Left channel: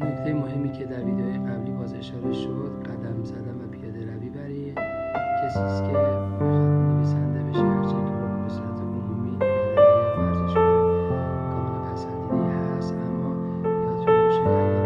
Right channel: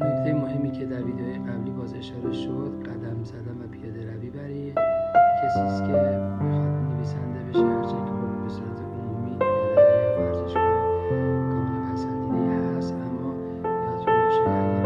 نکته مهمی که در ویدیوهای قبلی باز اشاره شد، قدم زدن و پیاده روی برای کسی است که میخواد نویسنده بشه، هرچند که خب به صورت عمومی پیاده روی یا ورزشکار کاملا پسندیده هست. اما یادتون باشه اگر